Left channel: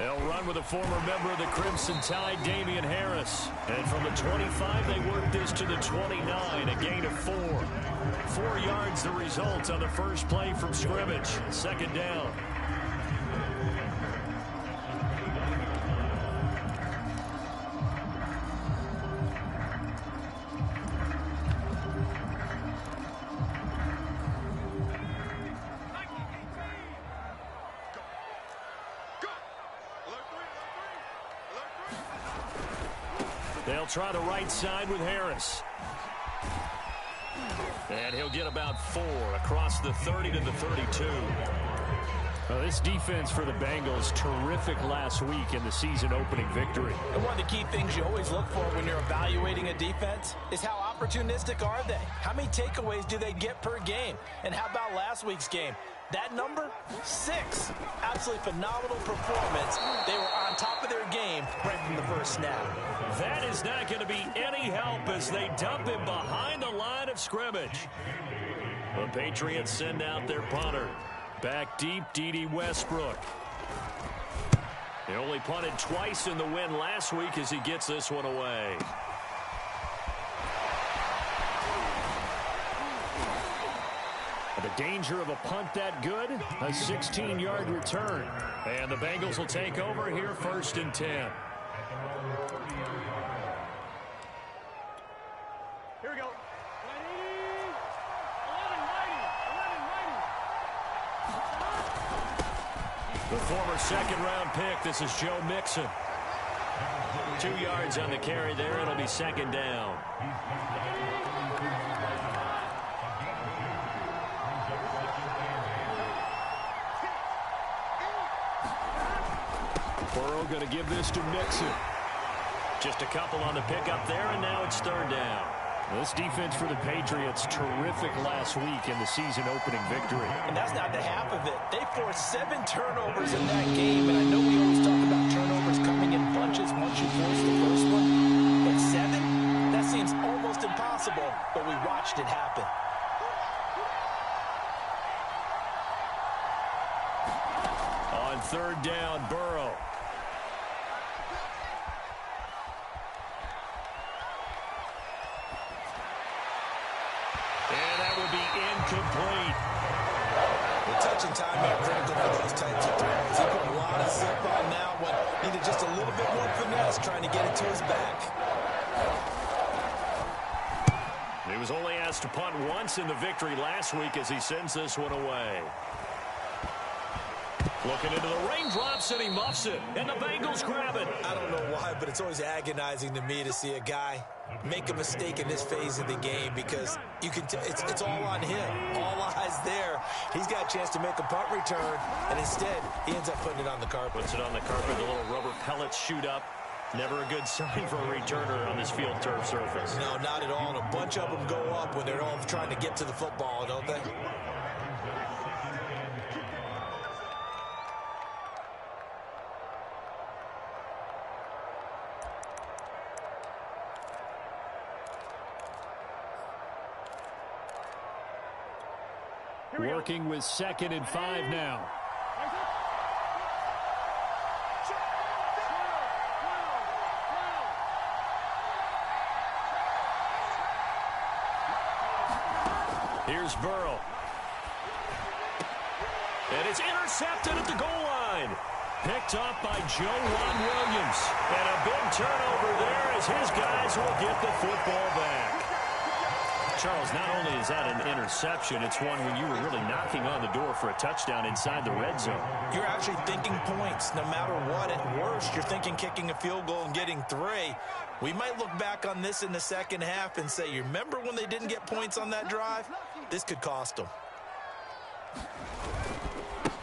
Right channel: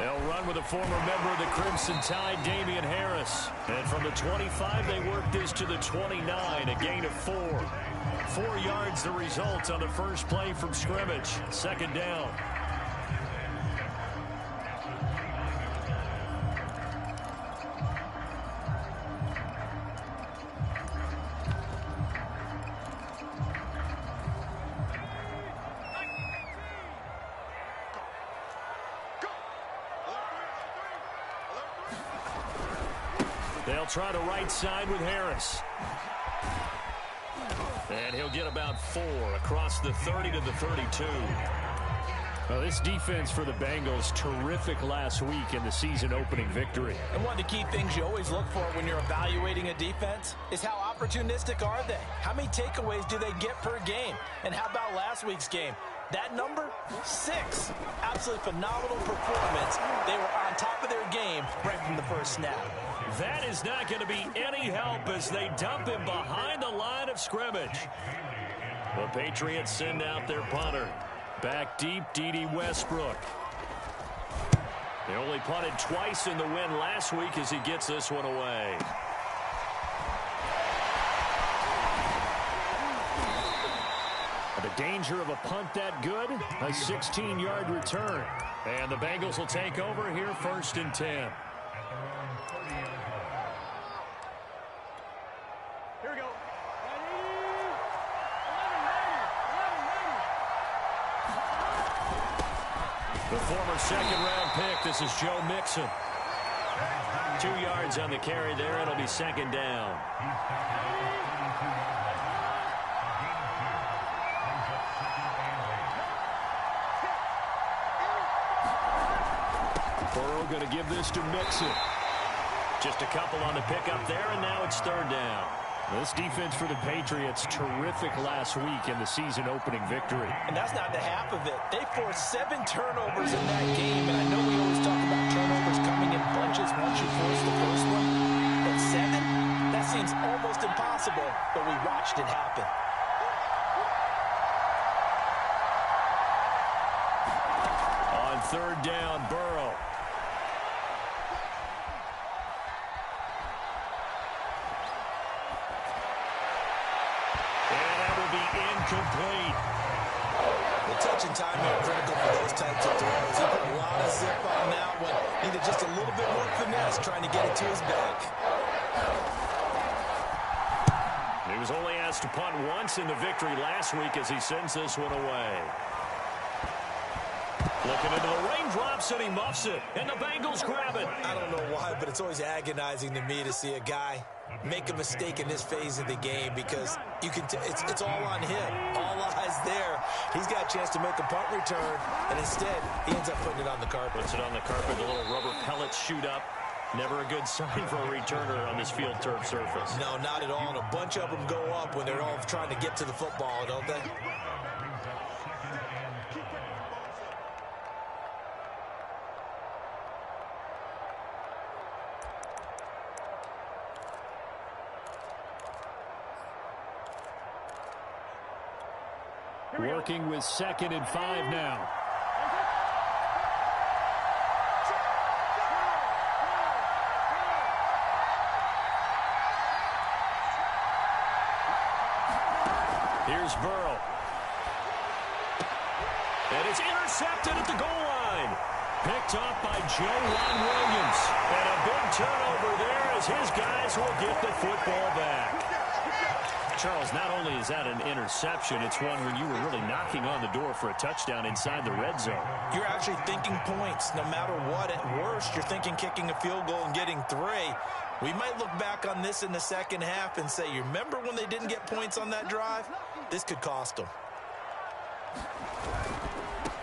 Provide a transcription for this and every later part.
They'll run with a former member of the Crimson Tide, Damian Harris. And from the 25, they work this to the 29, a gain of 4. 4 yards the result on the first play from scrimmage. Second down. They'll try the right side with Harris. And he'll get about 4 across the 30 to the 32. Well, this defense for the Bengals, terrific last week in the season-opening victory. And one of the key things you always look for when you're evaluating a defense is how opportunistic are they? How many takeaways do they get per game? And how about last week's game? That number, 6. Absolutely phenomenal performance. They were on top of their game right from the first snap. That is not going to be any help as they dump him behind the line of scrimmage. The Patriots send out their punter. Back deep, D.D. Westbrook. They only punted twice in the win last week as he gets this one away. The danger of a punt that good, a 16-yard return. And the Bengals will take over here, 1st and 10. Here we go. The former second-round pick, this is Joe Mixon. 2 yards on the carry there. It'll be second down. Burrow going to give this to Mixon. Just a couple on the pickup there, and now it's 3rd down. This defense for the Patriots, terrific last week in the season-opening victory. And that's not the half of it. They forced 7 turnovers in that game, and I know we always talk about turnovers coming in bunches once you force the first one. But 7? That seems almost impossible, but we watched it happen. On 3rd down, Burrow. And that will be incomplete. The touch and time are critical for those types of throws. He put a lot of zip on that one. Needed just a little bit more finesse trying to get it to his back. He was only asked to punt once in the victory last week as he sends this one away. Looking into the raindrops, and he muffs it. And the Bengals grab it. I don't know why, but it's always agonizing to me to see a guy make a mistake in this phase of the game because you can it's all on him. All eyes there. He's got a chance to make a punt return, and instead, he ends up putting it on the carpet. Puts it on the carpet. The little rubber pellets shoot up. Never a good sign for a returner on this field turf surface. No, not at all. And a bunch of them go up when they're all trying to get to the football, don't they? Working with 2nd and 5 now. Here's Burrow. And it's intercepted at the goal line. Picked off by Juwan Williams. And a big turnover there as his guys will get the football back. Charles, not only is that an interception, it's one when you were really knocking on the door for a touchdown inside the red zone. You're actually thinking points no matter what. At worst, you're thinking kicking a field goal and getting 3. We might look back on this in the second half and say, you remember when they didn't get points on that drive? This could cost them.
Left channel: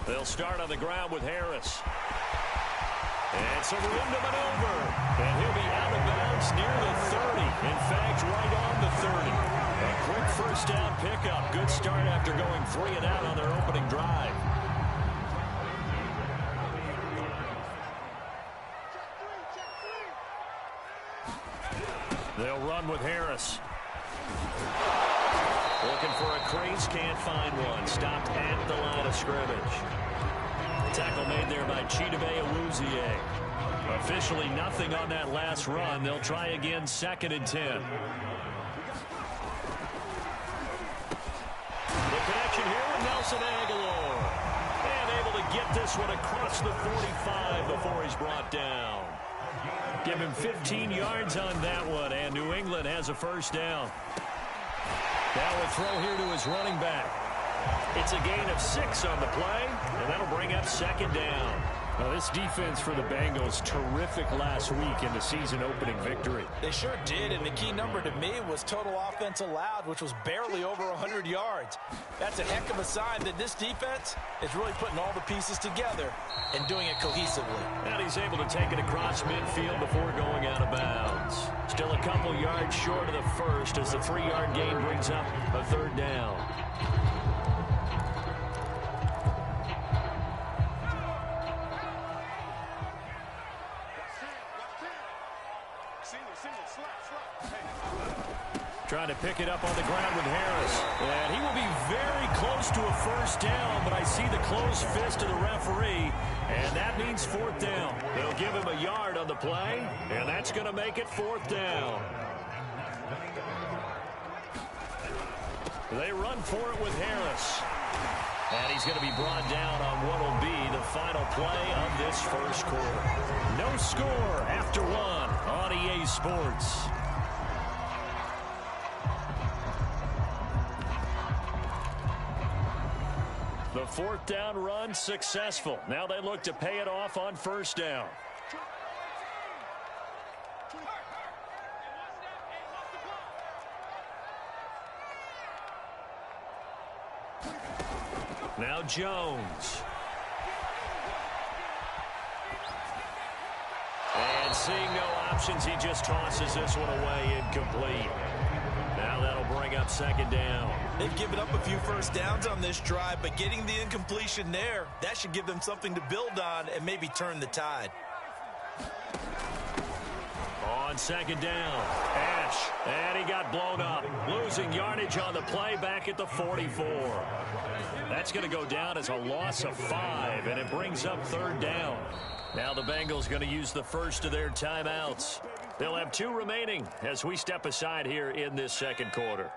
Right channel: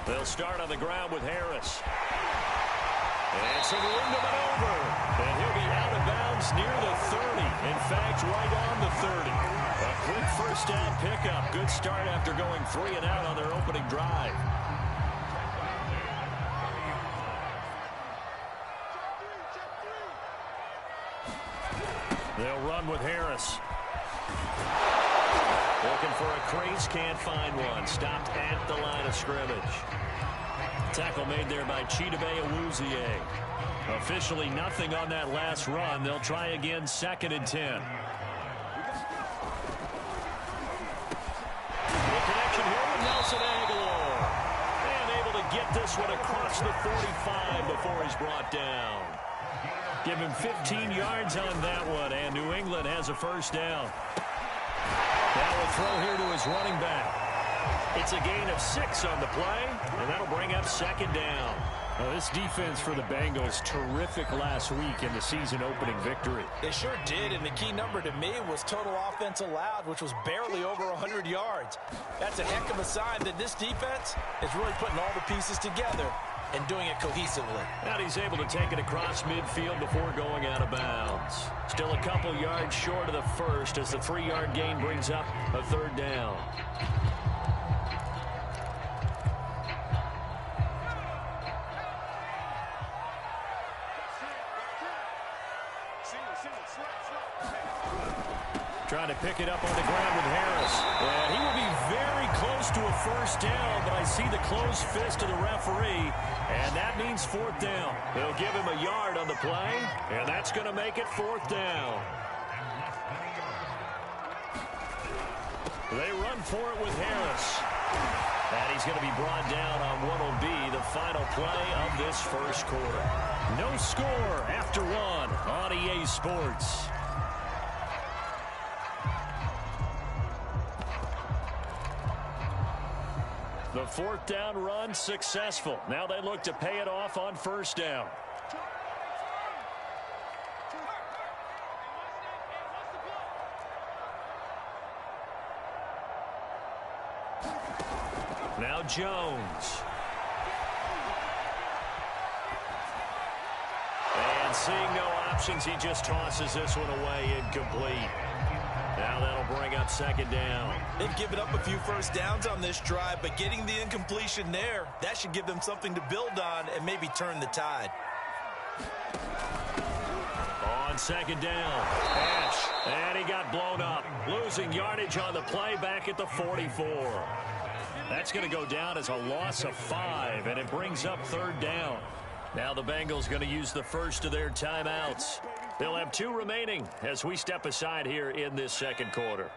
They'll start on the ground with Harris. And some room to maneuver. And he'll be out of bounds near the 30. In fact, right on the 30. A quick first down pickup. Good start after going 3 and out on their opening drive. They'll run with Harris. Looking for a crease, can't find one. Stopped at the line of scrimmage. Tackle made there by Chidobe Awuzie. Officially nothing on that last run. They'll try again, 2nd and 10. The connection here with Nelson Aguilar. And able to get this one across the 45 before he's brought down. Give him 15 yards on that one, and New England has a first down. Now a throw here to his running back. It's a gain of 6 on the play, and that'll bring up 2nd down. Well, this defense for the Bengals, terrific last week in the season-opening victory. They sure did, and the key number to me was total offense allowed, which was barely over 100 yards. That's a heck of a sign that this defense is really putting all the pieces together and doing it cohesively. And he's able to take it across midfield before going out of bounds. Still a couple yards short of the first as the 3-yard gain brings up a 3rd down. Trying to pick it up on the ground with Harris. And he will be very close to a first down, but I see the closed fist of the referee, and that means 4th down. They'll give him a yard on the play, and that's going to make it 4th down. They run for it with Harris. And he's going to be brought down on what will be the final play of this first quarter. No score after 1 on EA Sports. The 4th down run successful. Now they look to pay it off on 1st down. Now Jones. And seeing no options, he just tosses this one away incomplete. Now that'll bring up 2nd down. They've given up a few first downs on this drive, but getting the incompletion there, that should give them something to build on and maybe turn the tide. On 2nd down, Ash, and he got blown up. Losing yardage on the play back at the 44. That's going to go down as a loss of 5, and it brings up 3rd down. Now the Bengals going to use the first of their timeouts. They'll have 2 remaining as we step aside here in this 2nd quarter.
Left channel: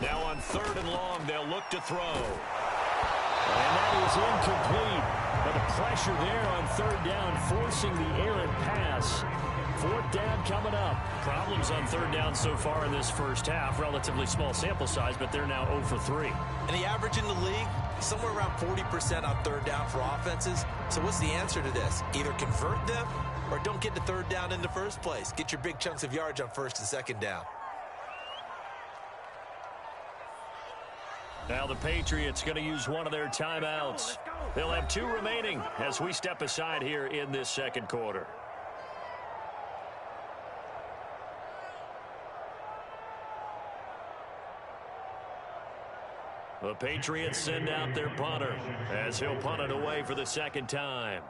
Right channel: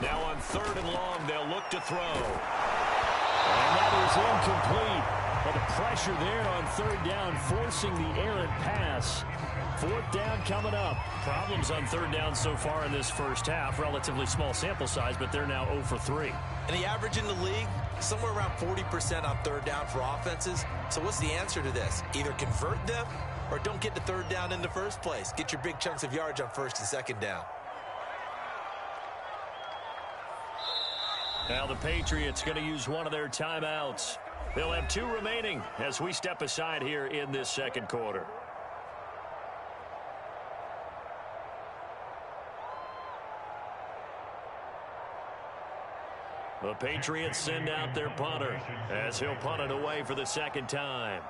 Now on 3rd and long, they'll look to throw. And that is incomplete. But the pressure there on 3rd down, forcing the errant pass. 4th down coming up. Problems on 3rd down so far in this first half. Relatively small sample size, but they're now 0 for 3. And the average in the league, somewhere around 40% on 3rd down for offenses. So what's the answer to this? Either convert them or don't get to 3rd down in the first place. Get your big chunks of yards on 1st and 2nd down. Now the Patriots going to use one of their timeouts. They'll have 2 remaining as we step aside here in this 2nd quarter. The Patriots send out their punter as he'll punt it away for the 2nd time.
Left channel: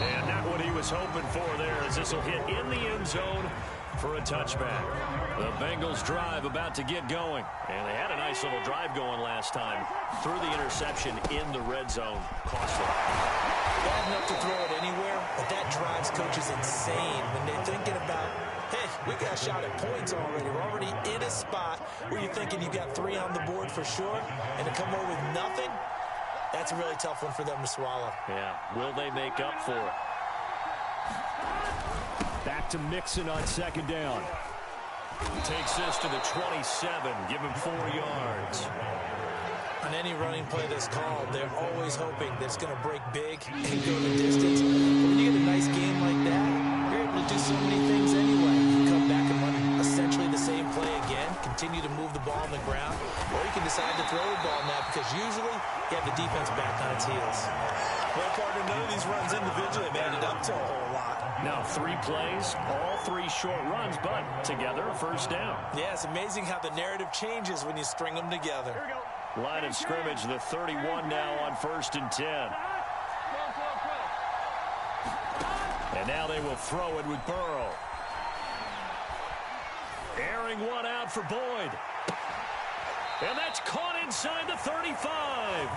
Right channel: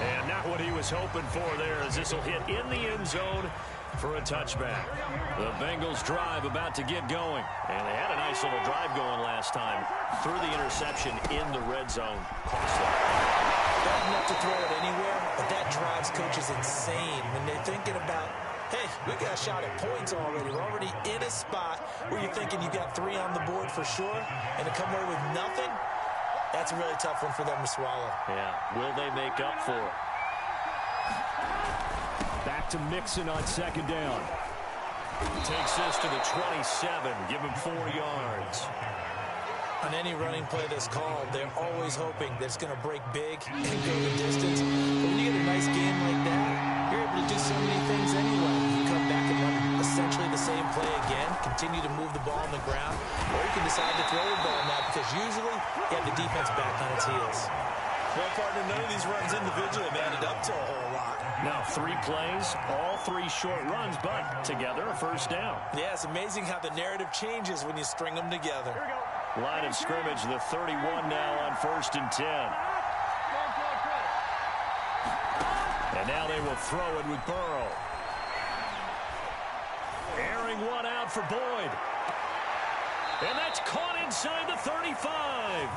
And not what he was hoping for there, as this will hit in the end zone for a touchback. The Bengals drive about to get going. And they had a nice little drive going last time. Threw the interception in the red zone. Costly. Bad enough to throw it anywhere, but that drives coaches insane when they're thinking about, hey, we got a shot at points already. We're already in a spot where you're thinking you got 3 on the board for sure, and to come away with nothing, that's a really tough one for them to swallow. Yeah, will they make up for it? Back to Mixon on 2nd down. Takes this to the 27, give him 4 yards. On any running play that's called, they're always hoping that it's going to break big and go the distance. But when you get a nice game like that, you're able to do so many things anyway. You come back and run essentially the same play again, continue to move the ball on the ground, or you can decide to throw the ball now because usually you have the defense back on its heels. Well, partner, none of these runs individually have added up to a whole lot. Now 3 plays, all 3 short runs, but together a first down. Yeah, it's amazing how the narrative changes when you string them together. Here we go. Line of scrimmage, the 31 now on 1st and 10. And now they will throw it with Burrow. Airing one out for Boyd. And that's caught inside the 35.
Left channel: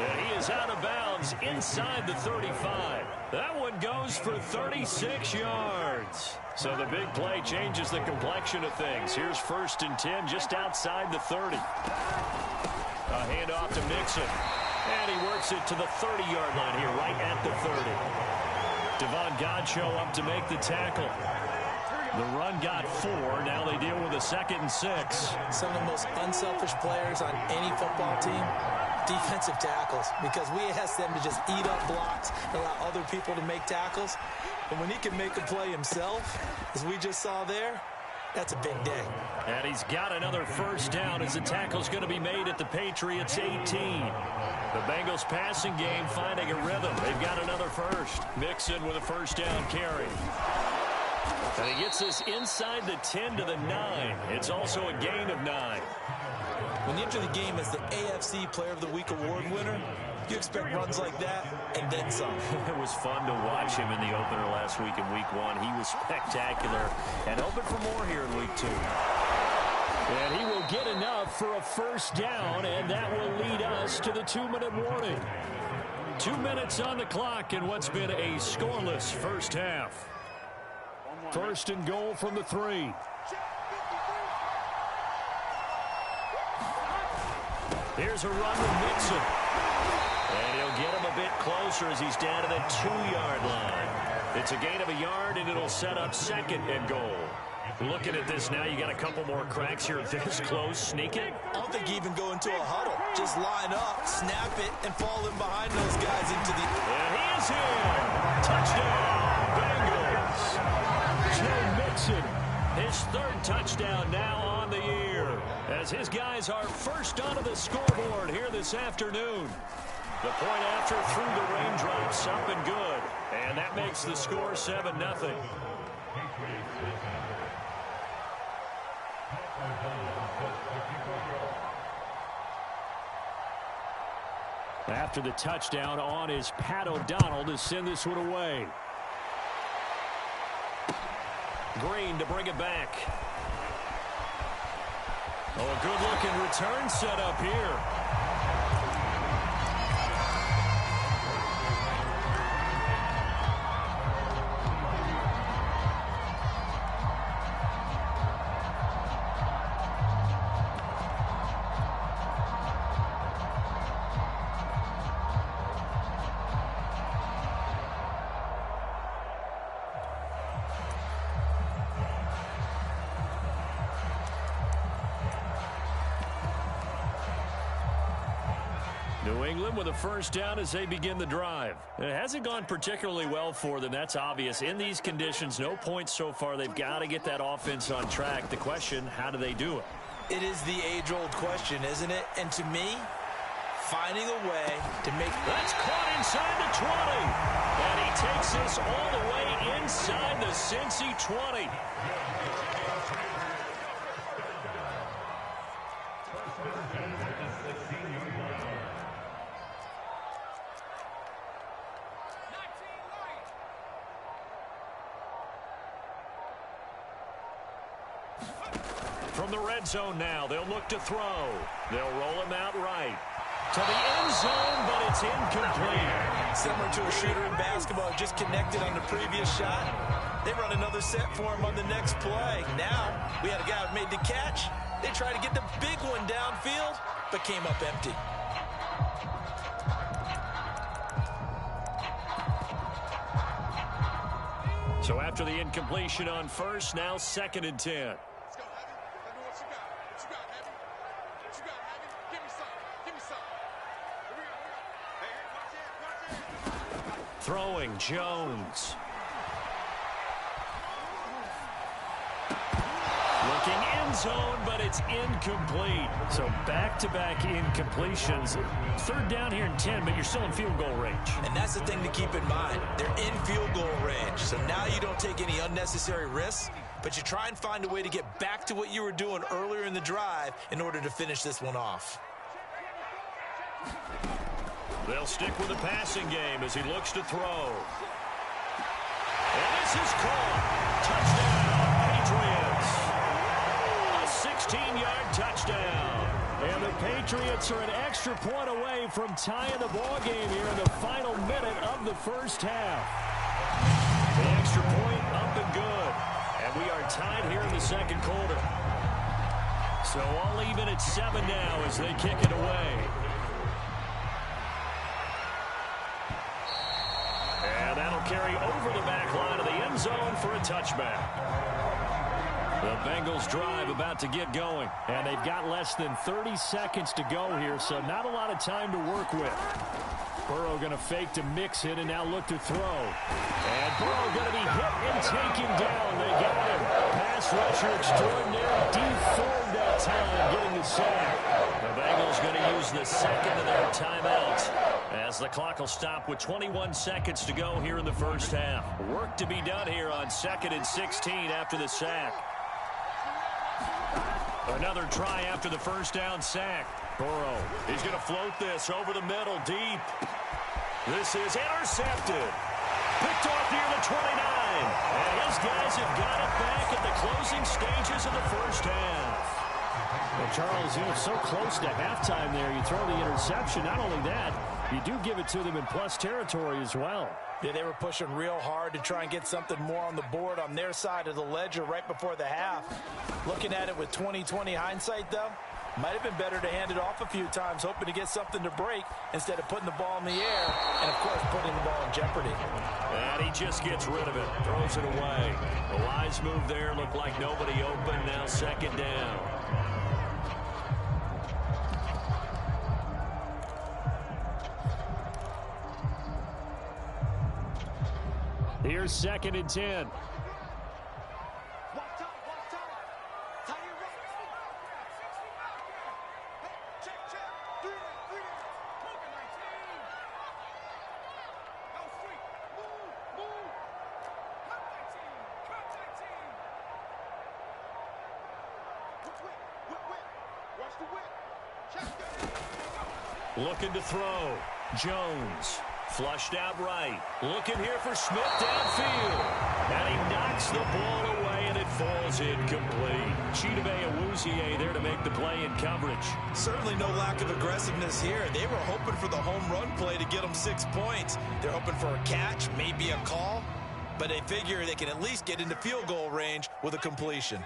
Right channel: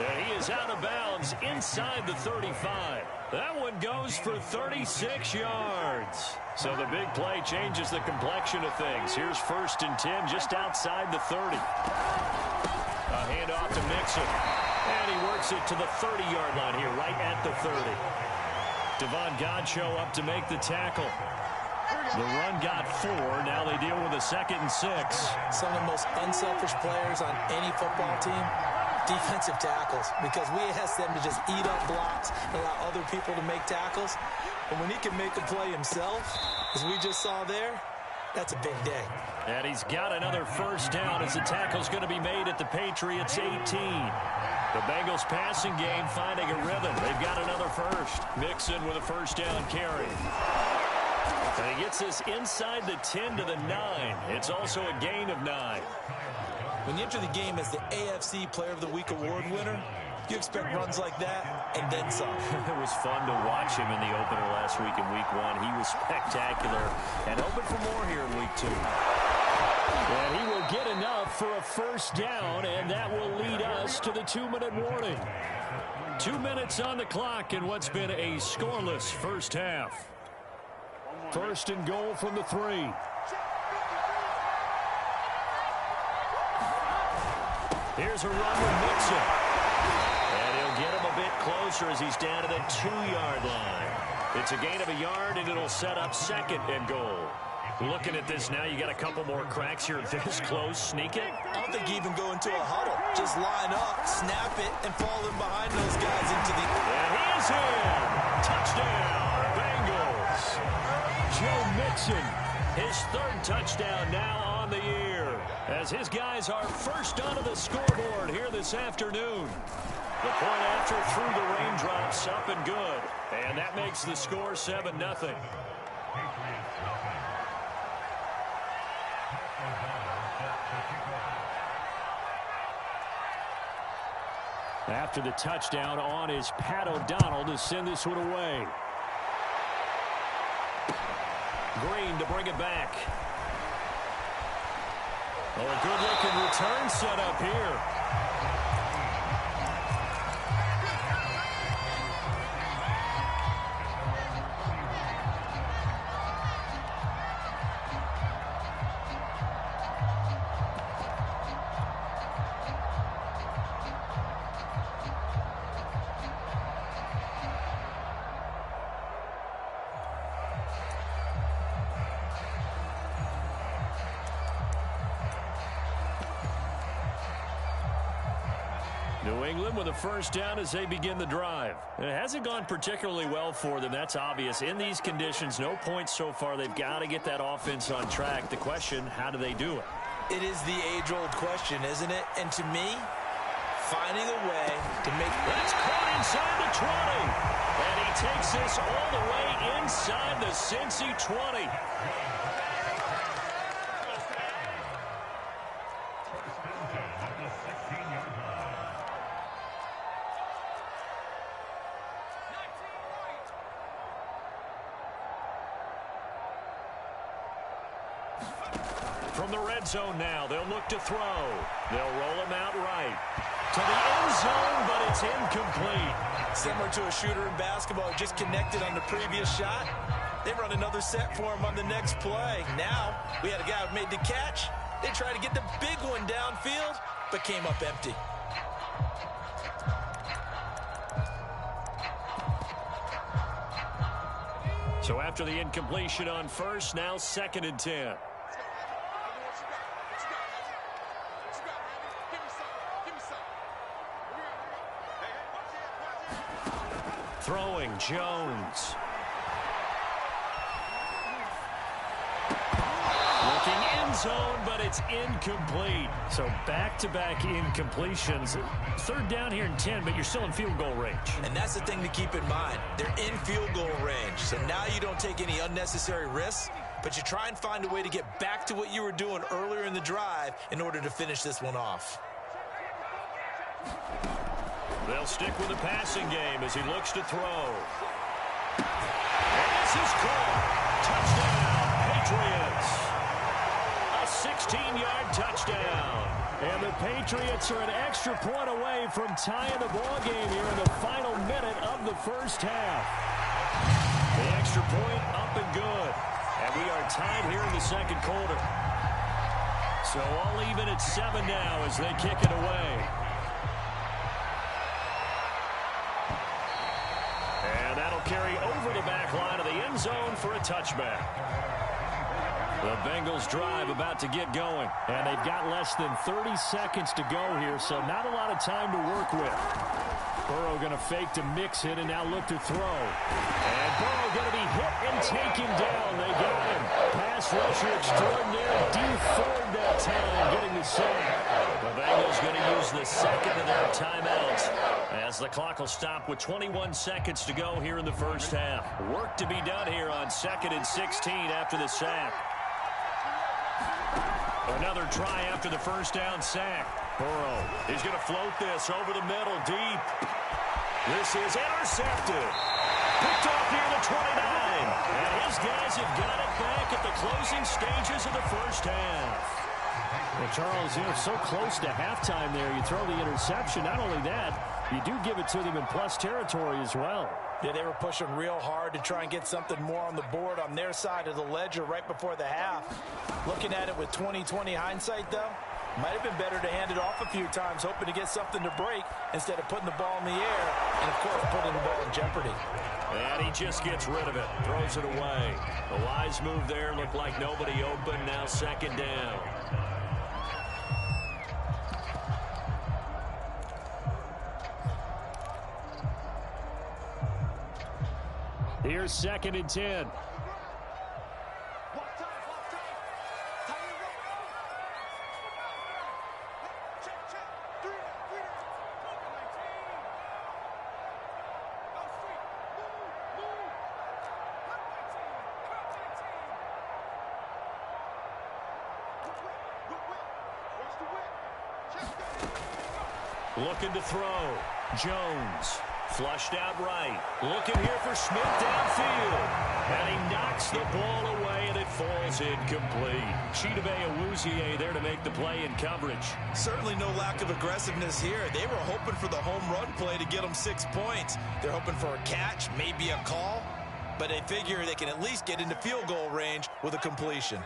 And he is out of bounds inside the 35. That one goes for 36 yards. So the big play changes the complexion of things. Here's 1st and 10 just outside the 30. A handoff to Mixon. And he works it to the 30-yard line here, right at the 30. Devon Godchaux up to make the tackle. The run got 4. Now they deal with a 2nd and 6. Some of the most unselfish players on any football team, defensive tackles, because we ask them to just eat up blocks and allow other people to make tackles. But when he can make a play himself, as we just saw there, that's a big day. And he's got another 1st down as the tackle's going to be made at the Patriots 18. The Bengals passing game finding a rhythm. They've got another 1st. Mixon with a 1st down carry. And he gets this inside the 10 to the 9. It's also a gain of 9. When you enter the game as the AFC Player of the Week award winner, you expect runs like that and then some. It was fun to watch him in the opener last week in Week 1. He was spectacular and hoping for more here in Week 2. And he will get enough for a 1st down, and that will lead us to the 2-minute warning. 2 minutes on the clock in what's been a scoreless first half. 1st and goal from the 3. Here's a run with Mixon. And he'll get him a bit closer as he's down to the 2-yard line. It's a gain of a yard, and it'll set up 2nd and goal. Looking at this now, you got a couple more cracks here this close. Sneak it. I don't think you even go into a huddle. Just line up, snap it, and fall in behind those guys into the... And he is in. Touchdown, Bengals. Joe Mixon, his 3rd touchdown now on the year, as his guys are 1st onto the scoreboard here this afternoon. The point after through the raindrops, up and good. And that makes the score 7-0. After the touchdown, on is Pat O'Donnell to send this one away. Green to bring it back. Oh, a good-looking return set up here. New England with a 1st down as they begin the drive. It hasn't gone particularly well for them. That's obvious. In these conditions, no points so far. They've got to get that offense on track. The question, how do they do it? It is the age-old question, isn't it? And to me, finding a way to make... That's caught inside the 20. And he takes this all the way inside the Cincy 20. From the red zone now, they'll look to throw. They'll roll him out right. To the end zone, but it's incomplete. Similar to a shooter in basketball, just connected on the previous shot. They run another set for him on the next play. Now, we had a guy who made the catch. They tried to get the big one downfield, but came up empty. So after the incompletion on 1st, now 2nd and 10. Throwing, Jones. Looking end zone, but it's incomplete. So back-to-back incompletions. 3rd down here in 10, but you're still in field goal range. And that's the thing to keep in mind. They're in field goal range. So now you don't take any unnecessary risks, but you try and find a way to get back to what you were doing earlier in the drive in order to finish this one off. They'll stick with the passing game as he looks to throw. And This is caught. Touchdown, Patriots. A 16-yard touchdown. And the Patriots are an extra point away from tying the ball game here in the final minute of the first half. The extra point up and good. And we are tied here in the second quarter. So all even at 7 now as they kick it away. And that'll carry over the back line of the end zone for a touchback. The Bengals drive about to get going. And they've got less than 30 seconds to go here, so not a lot of time to work with. Burrow going to fake to mix it and now look to throw. And Burrow going to be hit and taken down. They got him. Pass rusher extraordinaire. D. Ford that time getting the sack. The Bengals going to use the second of their timeouts as the clock will stop with 21 seconds to go here in the first half. Work to be done here on 2nd and 16 after the sack. Another try after the first down sack. Burrow, he's going to float this over the middle deep. This is intercepted. Picked off near the 29. And his guys have got it back at the closing stages of the first half. Well, Charles, so close to halftime there. You throw the interception. Not only that, you do give it to them in plus territory as well. Yeah, they were pushing real hard to try and get something more on the board on their side of the ledger right before the half. Looking at it with 20/20 hindsight, though, might have been better to hand it off a few times, hoping to get something to break instead of putting the ball in the air and, of course, putting the ball in jeopardy. And he just gets rid of it, throws it away. A wise move there, looked like nobody open, now second down. Here's 2nd and 10. Looking to throw. Jones. Flushed out right. Looking here for Smith downfield. And he knocks the ball away, and it falls incomplete. Chidobe Awuzie there to make the play in coverage. Certainly no lack of aggressiveness here. They were hoping for the home run play to get them 6 points. They're hoping for a catch, maybe a call. But they figure they can at least get into field goal range with a completion.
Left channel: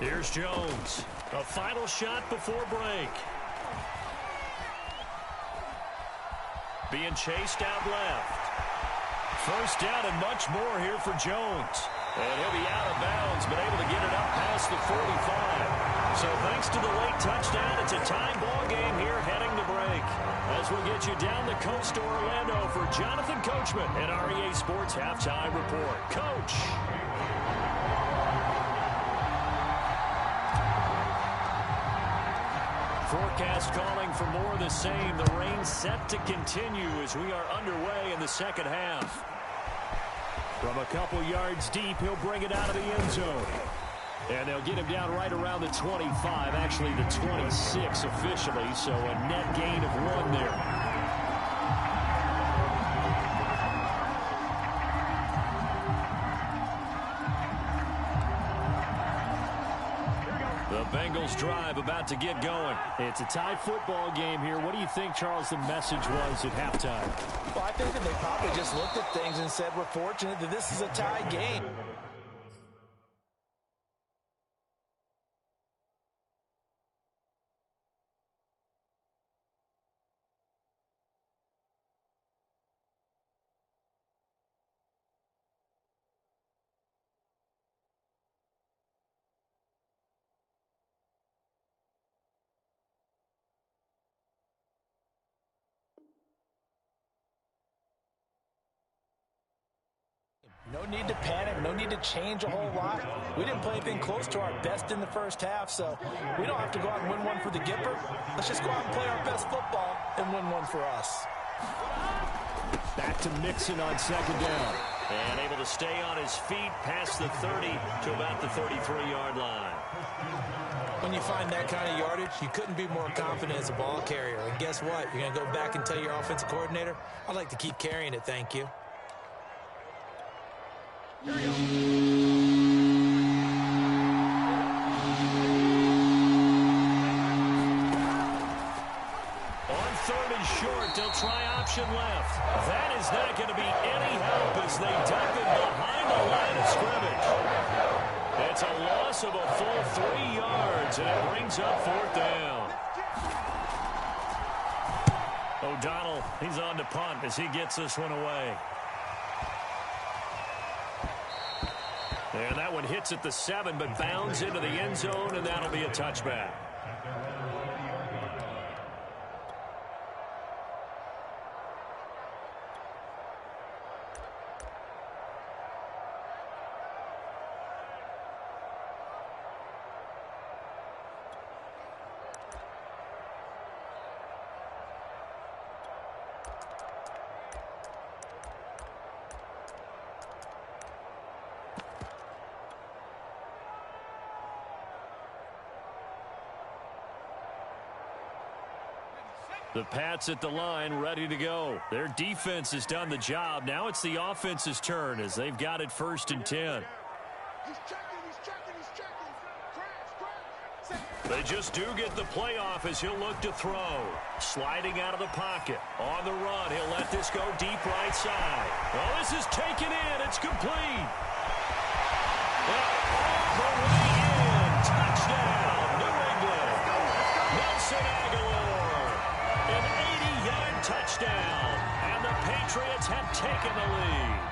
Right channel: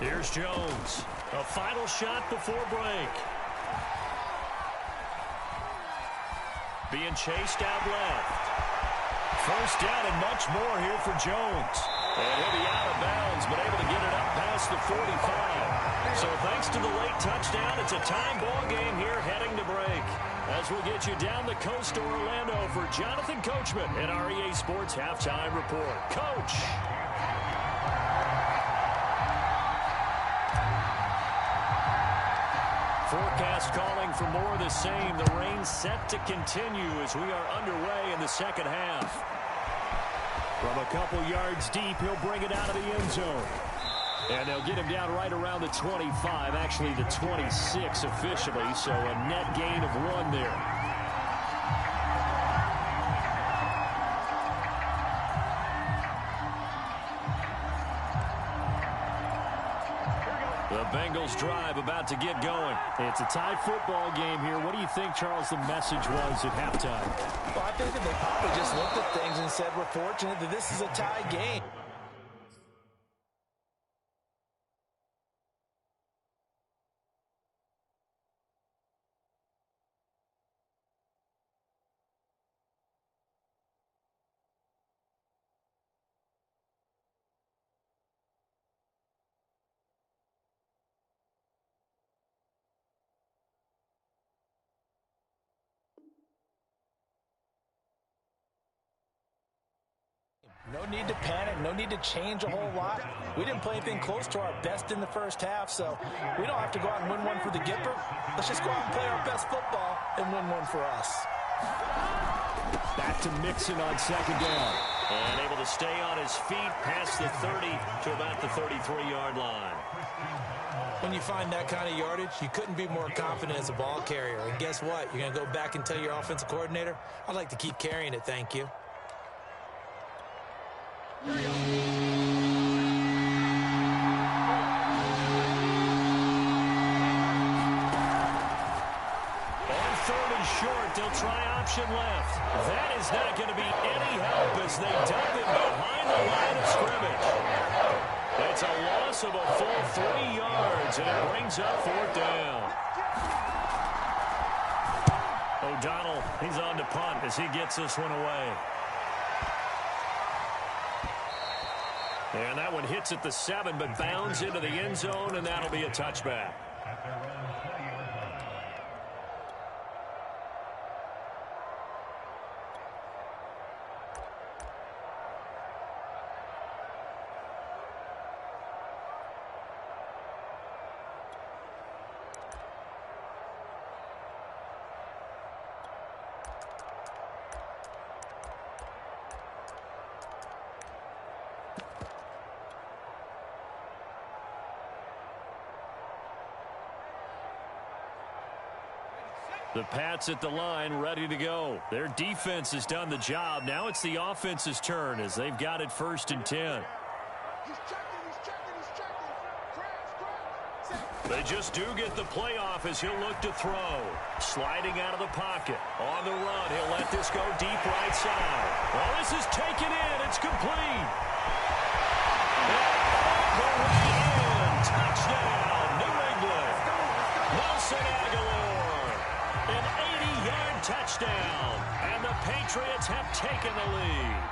Here's Jones. A final shot before break. Being chased out left. First down and much more here for Jones. And he'll be out of bounds, but able to get it up past the 45. So thanks to the late touchdown, it's a time ball game here heading to break. As we'll get you down the coast to Orlando for Jonathan Coachman at our EA Sports Halftime Report. Coach. Forecast calling for more of the same. The rain set to continue as we are underway in the second half. From a couple yards deep, he'll bring it out of the end zone. And they'll get him down right around the 25, actually the 26 officially, so a net gain of 1 there. The Bengals drive about to get going. It's a tie football game here. What do you think, Charles, the message was at halftime? Well, I think that they probably just looked at things and said, we're fortunate that this is a tie game. No need to panic, no need to change a whole lot. We didn't play anything close to our best in the first half, so we don't have to go out and win one for the Gipper. Let's just go out and play our best football and win one for us. Back to Mixon on second down. And able to stay on his feet past the 30 to about the 33-yard line. When you find that kind of yardage, you couldn't be more confident as a ball carrier. And guess what? You're going to go back and tell your offensive coordinator, I'd like to keep carrying it, thank you. On third and short, they'll try option left. That is not going to be any help as they dump it behind the line of scrimmage. It's a loss of a full 3 yards, and it brings up fourth down. O'Donnell, he's on to punt as he gets this one away. And that one hits at the 7, but bounds into the end zone, and that'll be a touchback. The Pats at the line, ready to go. Their defense has done the job. Now it's the offense's turn as they've got it 1st and 10. They just do get the playoff as he'll look to throw. Sliding out of the pocket. On the run, he'll let this go deep right side. Well, this is taken in. It's complete. And all the way in. Touchdown, New England. Nelson Aguilar. An 80-yard touchdown, and the Patriots have taken the lead.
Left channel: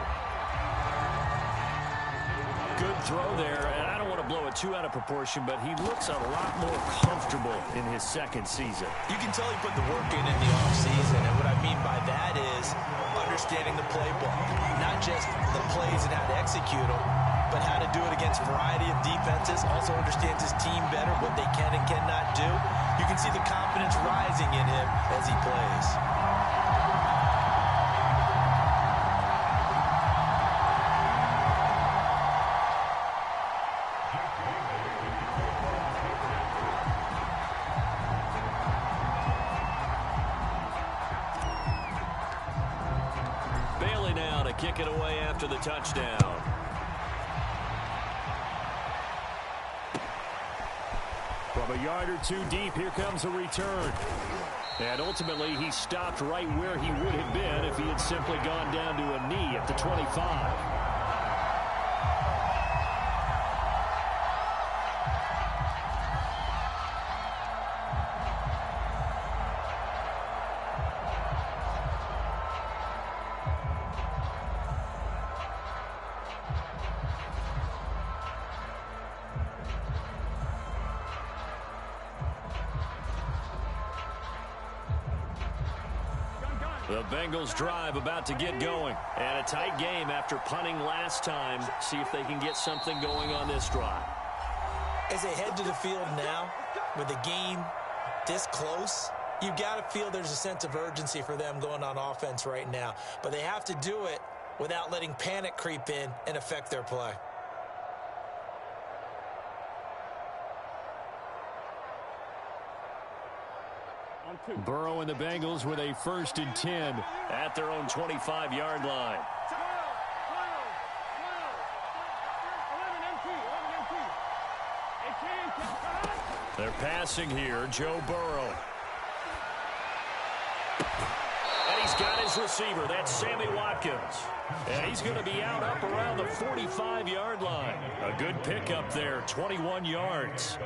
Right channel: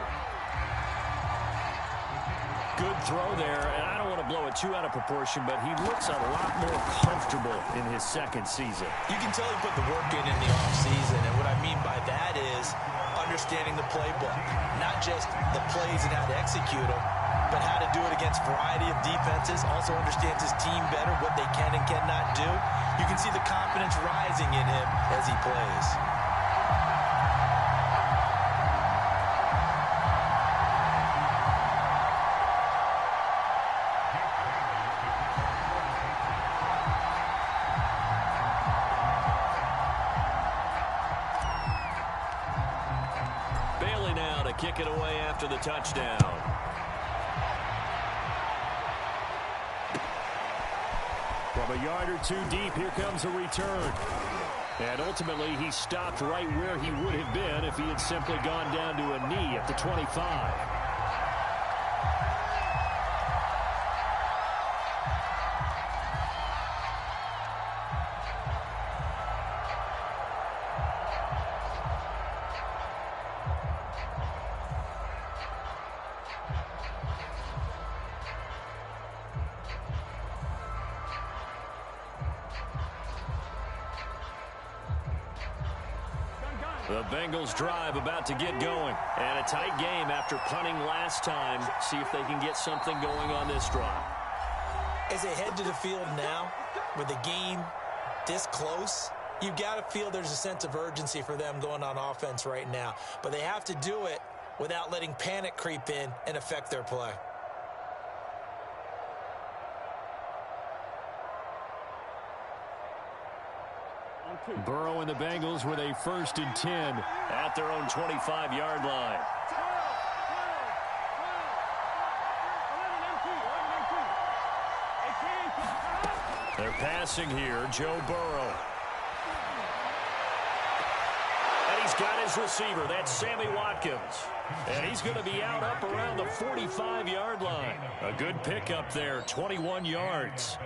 Good throw there, and I don't want to blow it too out of proportion, but he looks a lot more comfortable in his 2nd season. You can tell he put the work in the offseason, and what I mean by that is understanding the playbook. Not just the plays and how to execute them, but how to do it against a variety of defenses. Also understands his team better, what they can and cannot do. You can see the confidence rising in him as he plays. Bailey now to kick it away after the touchdown. From a yard or 2 deep, here comes a return. And ultimately, he stopped right where he would have been if he had simply gone down to a knee at the 25. The Bengals drive about to get going. And a tight game after punting last time. See if they can get something going on this drive. As they head to the field now, with the game this close, you've got to feel there's a sense of urgency for them going on offense right now. But they have to do it without letting panic creep in and affect their play. Burrow and the Bengals with a 1st and 10 at their own 25-yard line. They're passing here, Joe Burrow. And he's got his receiver. That's Sammy Watkins. And he's going to be out up around the 45-yard line. A good pickup there, 21 yards.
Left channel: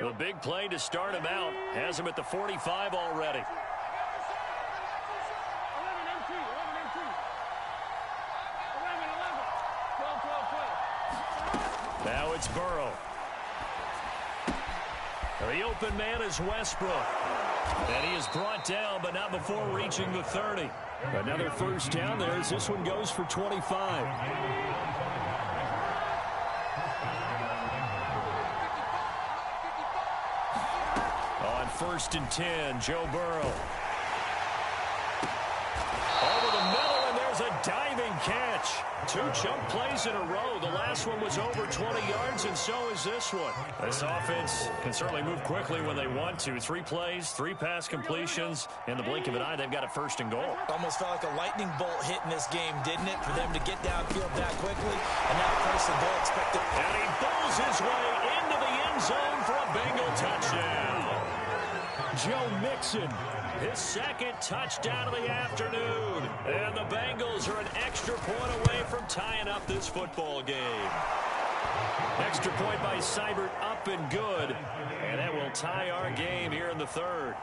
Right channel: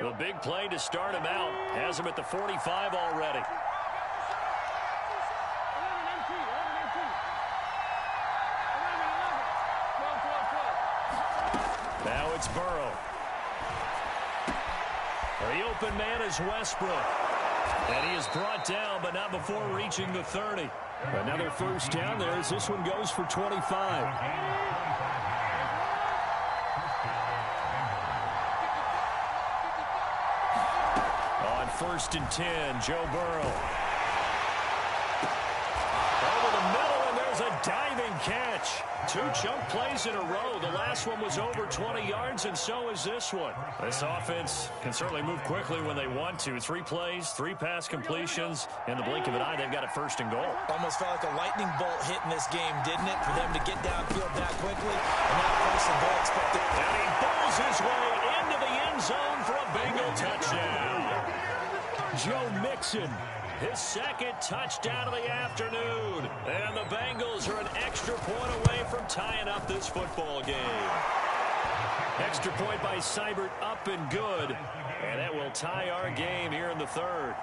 The big play to start him out has him at the 45 already. Now it's Burrow. The open man is Westbrook. And he is brought down, but not before reaching the 30. Another 1st down there as this one goes for 25. On 1st and 10, Joe Burrow. Over the middle, and was a diving catch. 2 chunk plays in a row. The last one was over 20 yards, and so is this one. This offense can certainly move quickly when they want to. 3 plays, 3 pass completions. In the blink of an eye, they've got it first and goal. Almost felt like a lightning bolt hit in this game, didn't it? For them to get downfield that quickly, and now first and goal expected. And he bowls his way into the end zone for a Bengal touchdown. Joe Mixon, his second touchdown of the afternoon. And the Bengals are an extra point away from tying up this football game. Extra point by Seibert, up and good. And that will tie our game here in the third.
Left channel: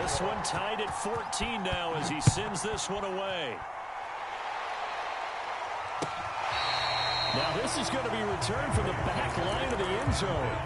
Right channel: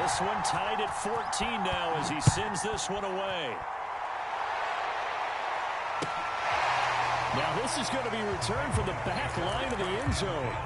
This one tied at 14 now as he sends this one away. Now this is going to be returned from the back line of the end zone.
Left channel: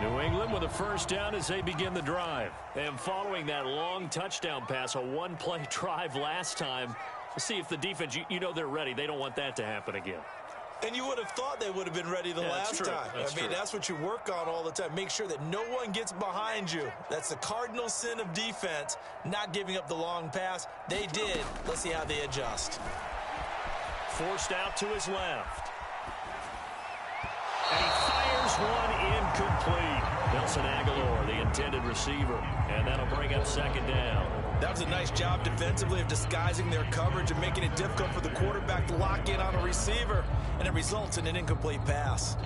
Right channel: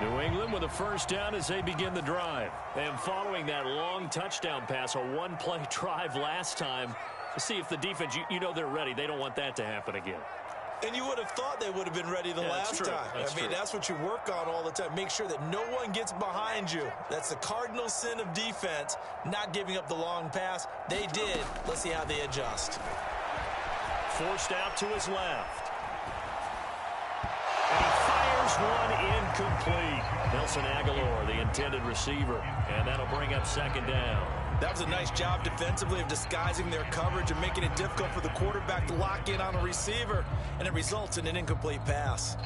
New England with a first down as they begin the drive. And following that long touchdown pass, a one-play drive last time, to see if the defense, you know they're ready. They don't want that to happen again. And you would have thought they would have been ready the last time. That's what you work on all the time. Make sure that no one gets behind you. That's the cardinal sin of defense, not giving up the long pass. They did. Let's see how they adjust. Forced out to his left. And he fires one incomplete. Nelson Aguilar, the intended receiver. And that'll bring up second down. That was a nice job defensively of disguising their coverage and making it difficult for the quarterback to lock in on a receiver. And it results in an incomplete pass.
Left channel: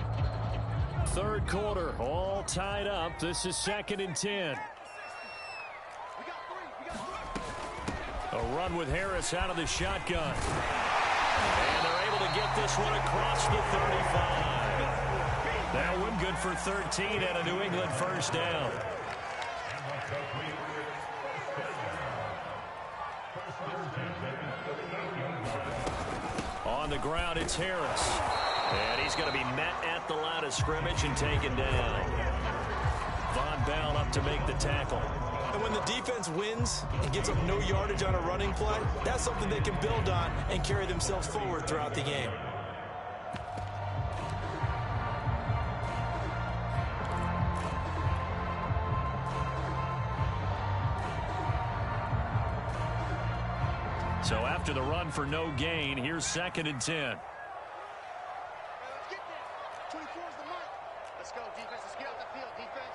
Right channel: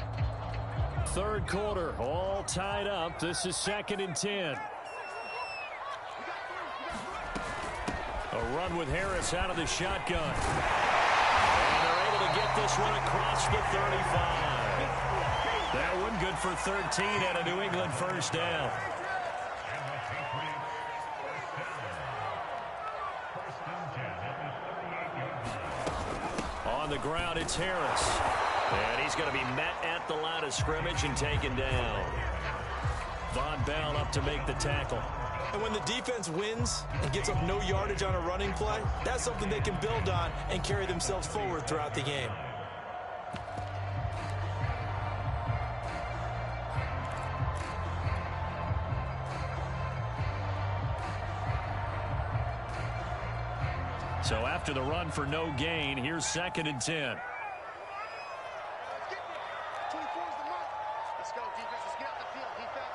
Third quarter, all tied up. This is 2nd and 10. A run with Harris out of the shotgun. And they're able to get this one across the 35. That one good for 13 and a New England first down. On the ground, it's Harris. And he's going to be met at the line of scrimmage and taken down. Von Bell up to make the tackle. And when the defense wins and gets up no yardage on a running play, that's something they can build on and carry themselves forward throughout the game. So after the run for no gain, here's 2nd and 10. Let's get there. 24 is the mark. Let's go, defense. Let's get out the field, defense.